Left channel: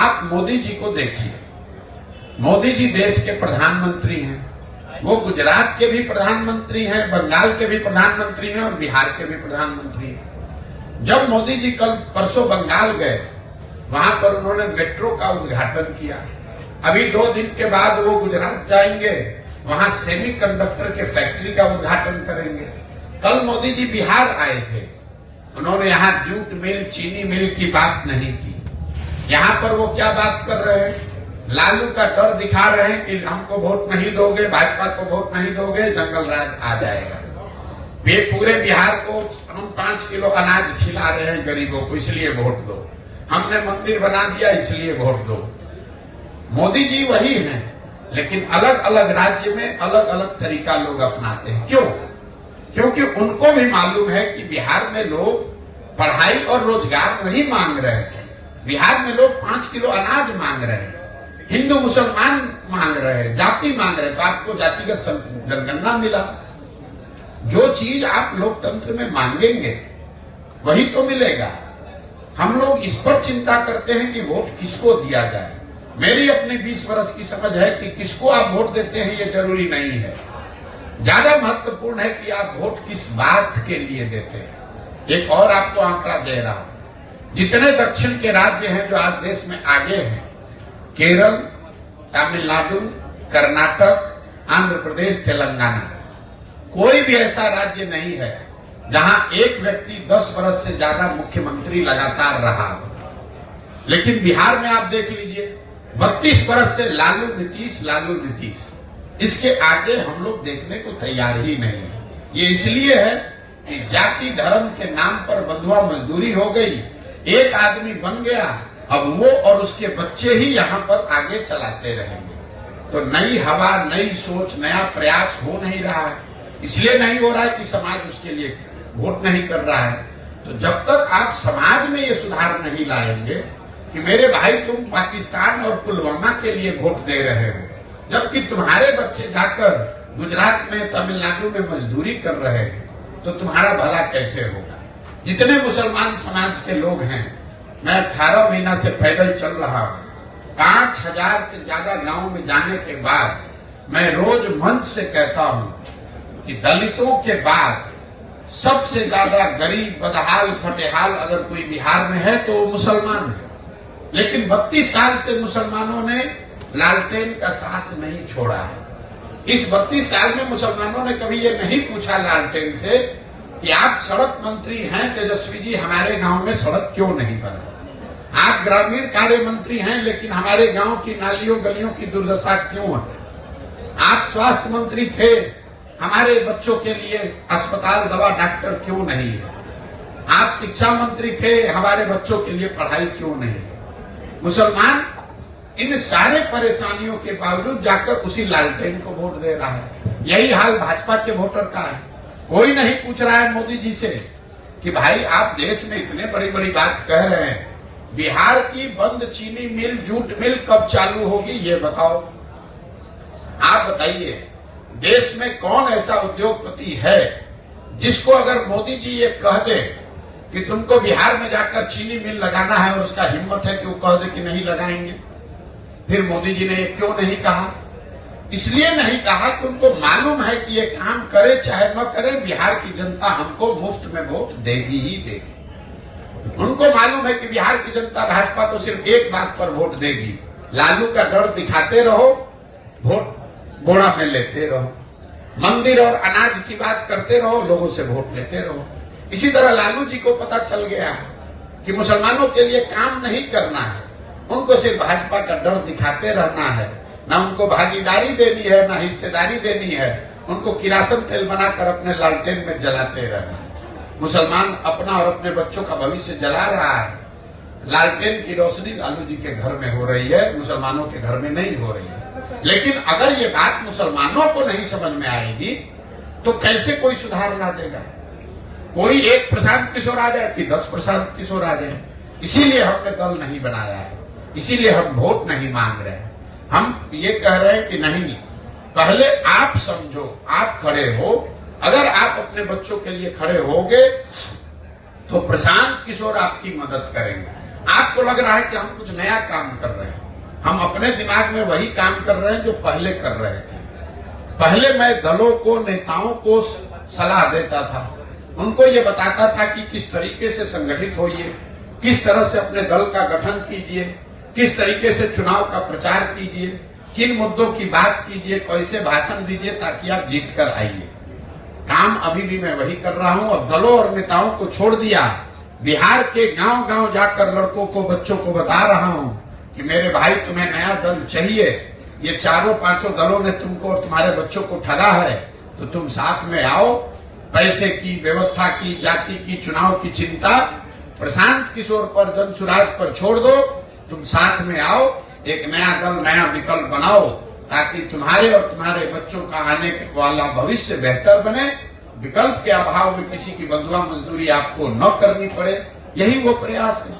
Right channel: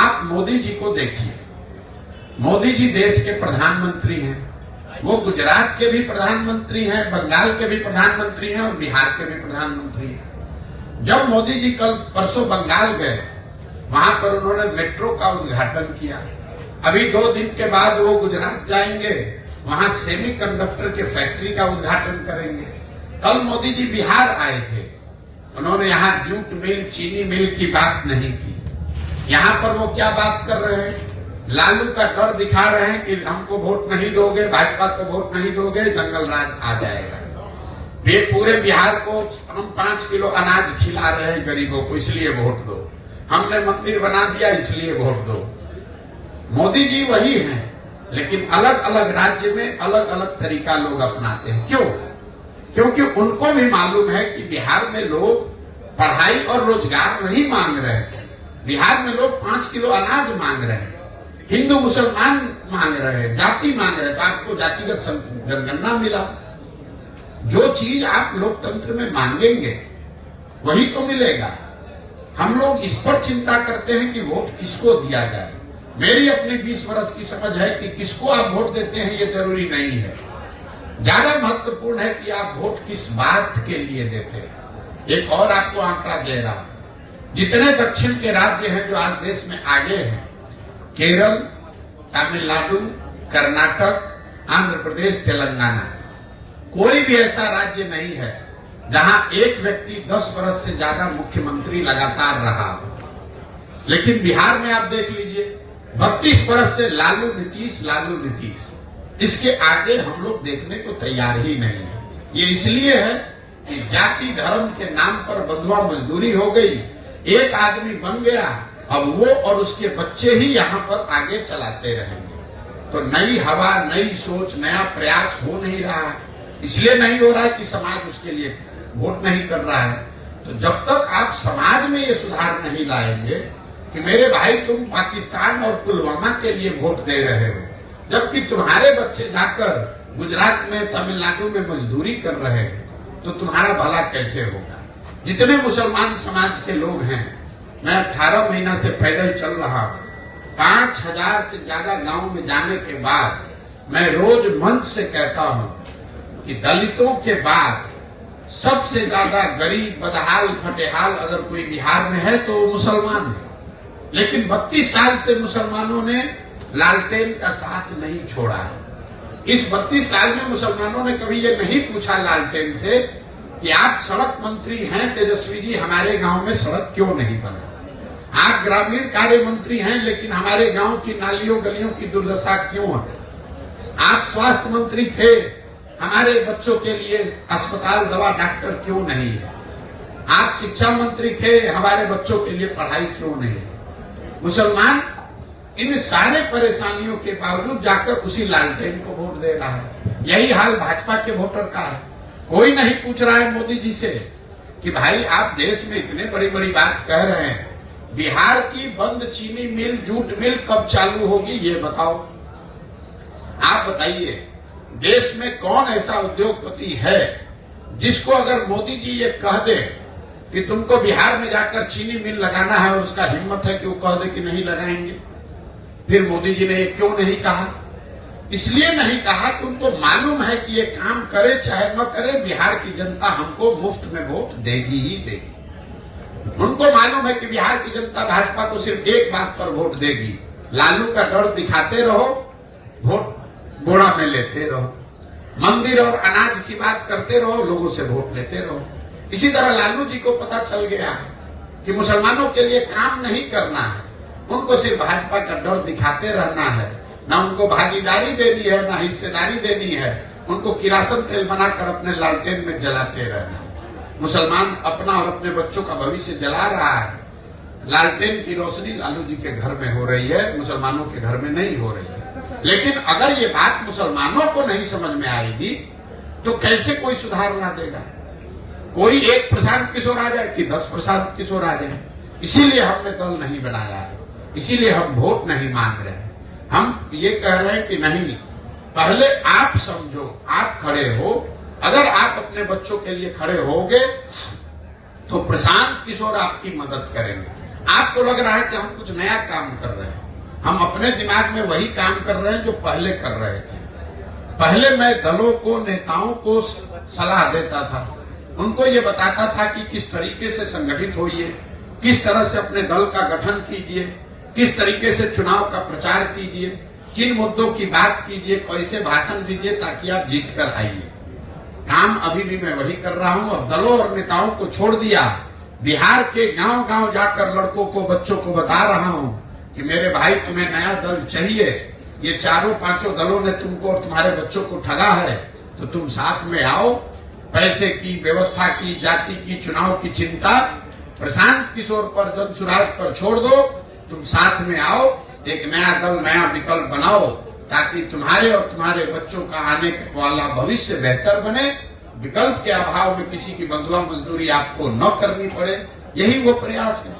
आप मोदी जी को देखिए, मोदी जी देश के प्रधानमंत्री हैं, वो गुजरात के भी प्रधानमंत्री हैं, बंगाल के भी प्रधानमंत्री हैं और बिहार के भी प्रधानमंत्री हैं। जब मोदी जी कल परसों बंगाल गए, वहां पर उन्होंने मेट्रो का उद्घाटन किया। अभी 2 दिन के बाद वो गुजरात जाएंगे, वहां सेमीकंडक्टर के फैक्ट्री का उद्घाटन करेंगे। कल मोदी जी बिहार आए थे, उन्होंने यहां जूट मिल, चीनी मिल की बात नहीं की। यहां पर वो क्या बात कर रहे हैं, लालू का डर दिखा रहे हैं कि हमको वोट नहीं दोगे, भाजपा को वोट नहीं दोगे, जंगल राज आ जाएगा। वे पूरे बिहार को हम 5 किलो अनाज खिला रहे हैं गरीबों को, इसलिए वोट दो। हमने मंदिर बना दिया, इसलिए वोट दो। मोदी जी वही हैं, लेकिन अलग अलग राज्य में अलग अलग तरीका लोग अपनाते हैं। क्यों? क्योंकि उनको भी मालूम है कि बिहार में लोग पढ़ाई और रोजगार नहीं मांग रहे हैं। बिहार में लोग 5 किलो अनाज मांग रहे हैं, हिंदू मुसलमान मांग रहे हैं, जाति मांग रहे हैं। तो आपको जातिगत जनगणना मिला। जो चीज आप लोकतंत्र में मांगेंगे वही तो मिलेगा। हम लोग इस पर चिंता करते हैं कि वोट किसको दिया जाए। मेरी अपनी 20 वर्ष की समझ है कि किसको आप वोट देते हैं ये जरूरी नहीं है। ज्यादा महत्वपूर्ण है कि आप वोट किस बात के लिए देते हैं। एक और आपको आंकड़ा दे रहा हूं, जितने दक्षिण के राज्य हैं जो आज देश में आगे हैं, केरल, तमिलनाडु, कर्नाटक, आंध्र प्रदेश, तेलंगाना, कोई भी ऐसा राज्य नहीं है जहां एक व्यक्ति 10 वर्ष से ज्यादा मुख्यमंत्री लगातार रहा हो। लेकिन बिहार में आप देख लीजिए, 32 वर्ष से लालू नीतीश, इसके आगे हम लोग देखने को तैयार ही नहीं है। ये इसलिए है कि जाति धर्म के नाम पर बंधुआ मजदूरी हो गई, एक आदमी बन गया, अब वो और उसके बच्चे ही यहाँ पर आगे चलाते रहेंगे। तो नई हवा, नई सोच, नया प्रयास हो नहीं रहा है। इसलिए नहीं हो रहा है कि समाज उसके लिए वोट नहीं कर रहा है। तो जब तक आप समाज में ये सुधार नहीं लाएंगे कि मेरे भाई तुम पाकिस्तान और पुलवामा के लिए वोट दे रहे हो, जबकि तुम्हारे बच्चे जाकर गुजरात में, तमिलनाडु में मजदूरी कर रहे हैं, तो तुम्हारा भला कैसे होगा। जितने मुसलमान समाज के लोग हैं, मैं 18 महीना से पैदल चल रहा हूं, 5000 से ज्यादा गांव में जाने के बाद मैं रोज मंच से कहता हूं कि दलितों के बाद सबसे ज्यादा गरीब, बदहाल, फटेहाल अगर कोई बिहार में है तो वो मुसलमान है। लेकिन 32 साल से मुसलमानों ने लालटेन का साथ नहीं छोड़ा है। इस 32 साल में मुसलमानों ने कभी ये नहीं पूछा लालटेन से कि आप सड़क मंत्री हैं तेजस्वी जी, हमारे गांव में सड़क क्यों नहीं बना। आप ग्रामीण कार्य मंत्री हैं, लेकिन हमारे गांव की नालियों गलियों की दुर्दशा क्यों है। आप स्वास्थ्य मंत्री थे, हमारे बच्चों के लिए अस्पताल, दवा, डॉक्टर क्यों नहीं है। आप शिक्षा मंत्री थे, हमारे बच्चों के लिए पढ़ाई क्यों नहीं है। मुसलमान इन सारे परेशानियों के बावजूद जाकर उसी लालटेन को वोट दे रहा है। यही हाल भाजपा के वोटर का है। कोई नहीं पूछ रहा है मोदी जी से कि भाई आप देश में इतने बड़ी बड़ी बात कह रहे हैं, बिहार की बंद चीनी मिल, जूट मिल कब चालू होगी ये बताओ। आप बताइए, देश में कौन ऐसा उद्योगपति है जिसको अगर मोदी जी ये कह दे कि तुमको बिहार में जाकर चीनी मिल लगाना है और उसका हिम्मत है कि वो कह दे कि नहीं लगाएंगे। फिर मोदी जी ने ये क्यों नहीं कहा? इसलिए नहीं कहा कि उनको मालूम है कि ये काम करे चाहे न करे, बिहार की जनता हमको मुफ्त में वोट देगी ही देगी। उनको मालूम है कि बिहार की जनता भाजपा को सिर्फ एक बात पर वोट देगी, लालू का डर दिखाते रहो, वोट बोड़ा में लेते रहो, मंदिर और अनाज की बात करते रहो, लोगों से वोट लेते रहो। इसी तरह लालू जी को पता चल गया है कि मुसलमानों के लिए काम नहीं करना है, उनको सिर्फ भाजपा का डर दिखाते रहना है। ना उनको भागीदारी देनी है, ना हिस्सेदारी देनी है, उनको किरासन तेल बनाकर अपने लालटेन में जलाते रहना है। मुसलमान अपना और अपने बच्चों का भविष्य जला रहा है। लालटेन की रोशनी लालू जी के घर में हो रही है, मुसलमानों के घर में नहीं हो रही है। लेकिन अगर ये बात मुसलमानों को नहीं समझ में आएगी तो कैसे कोई सुधार ला देगा। कोई एक प्रशांत किशोर आ जाए कि 10 प्रशांत किशोर आ जाए। इसीलिए हमने दल नहीं बनाया है, इसीलिए हम वोट नहीं मांग रहे हैं। हम ये कह रहे हैं कि नहीं, पहले आप समझो, आप खड़े हो। अगर आप अपने बच्चों के लिए खड़े होगे तो प्रशांत किशोर आपकी मदद करेंगे। आपको लग रहा है कि हम कुछ नया काम कर रहे हैं। हम अपने दिमाग में वही काम कर रहे हैं जो पहले कर रहे थे। पहले मैं दलों को, नेताओं को सलाह देता था, उनको ये बताता था कि किस तरीके से संगठित होइए, किस तरह से अपने दल का गठन कीजिए, किस तरीके से चुनाव का प्रचार कीजिए, किन मुद्दों की बात कीजिए, कैसे भाषण दीजिए ताकि आप जीत कर आइए। काम अभी भी मैं वही कर रहा हूं और दलों और नेताओं को छोड़ दिया। बिहार के गांव गांव जाकर लड़कों को, बच्चों को बता रहा हूं कि मेरे भाई तुम्हें नया दल चाहिए, ये चारों पांचों दलों ने तुमको और तुम्हारे बच्चों को ठगा है, तो तुम साथ में आओ। पैसे की, व्यवस्था की, जाति की, चुनाव की चिंता प्रशांत किशोर पर, जनसुराज पर छोड़ दो। तुम साथ में आओ, एक नया दल, नया विकल्प बनाओ ताकि तुम्हारे और तुम्हारे बच्चों का आने वाला भविष्य बेहतर बने। विकल्प के अभाव में किसी की बंधुआ मजदूरी आपको न करनी पड़े, यही वो प्रयास है।